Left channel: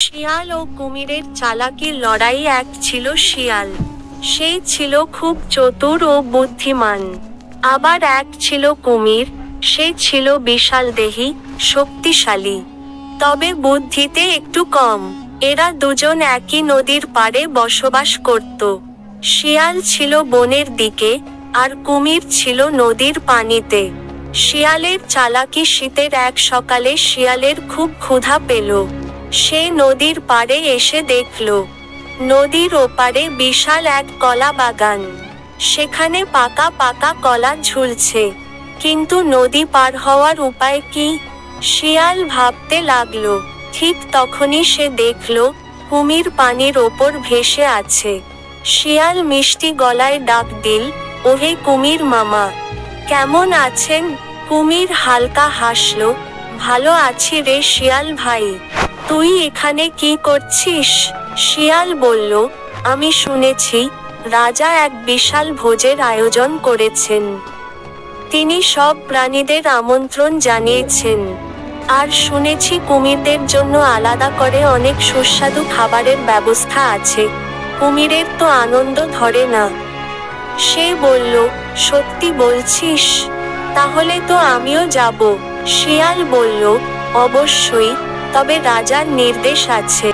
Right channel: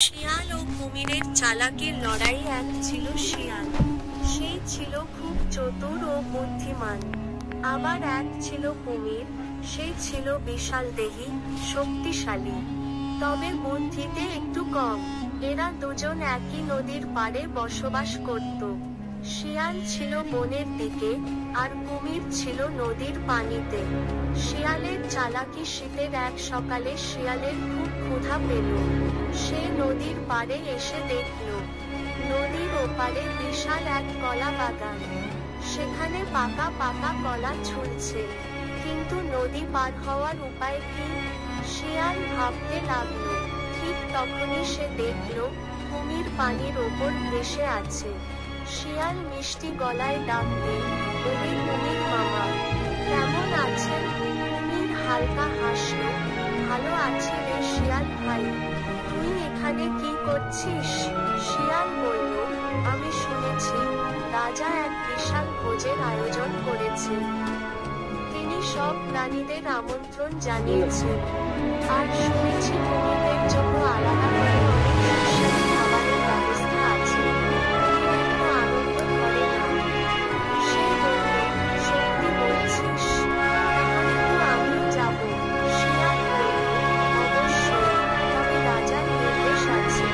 শিয়াল ও কুমিরের চালাকির লড়াই। এক ছিল শিয়াল, সেই ছিল খুব চতুর ও বুদ্ধিমান। আবার এক ছিল কুমির, সে ছিল বিশালদেহী, শক্তিশালী, তবে বুদ্ধিতে একটু কম। এরা দুজন একই নদীর পাড়ে বসবাস করত। শিয়াল ছিল বনের দিকে, আর কুমির ছিল নদীর পানিতে। শিয়ালের চালাকি। শীতের এক সকালে শিয়ালের খুব ক্ষুধা পেল। সে নদীর পাড়ে এসে দেখল, নদীর ওপারে বিশাল এক কলা বাগান। সেখানে পাকা পাকা কলা ঝুলছে, কিন্তু নদী পার হওয়ার উপায় কি? শিয়াল ভাবতে লাগলো। ঠিক তখনই সে দেখল, কুমির পানির ওপর ভেসে আছে। শিয়াল মিষ্টি গলায় ডাক দিল, ওহে কুমির মামা, কেমন আছেন? কুমির হালকা হাসল, ভালো আছি রে শিয়াল ভাই, তুই এখানে কি করছিস? শিয়াল বলল, আমি শুনেছি রাজা এক বিশাল ভোজের আয়োজন করেছেন। তিনি সব প্রাণীদের আমন্ত্রণ জানিয়েছেন। আর শুনেছি কুমিরদের জন্য আলাদা করে অনেক সুস্বাদু খাবারের ব্যবস্থা আছে। কুমিরের তো আনন্দ ধরে না। সে বলল, সত্যি বলছিস? তাহলে তো আমিও যাব। শিয়াল বলল, অবশ্যই, তবে রাজার নির্দেশ আছে।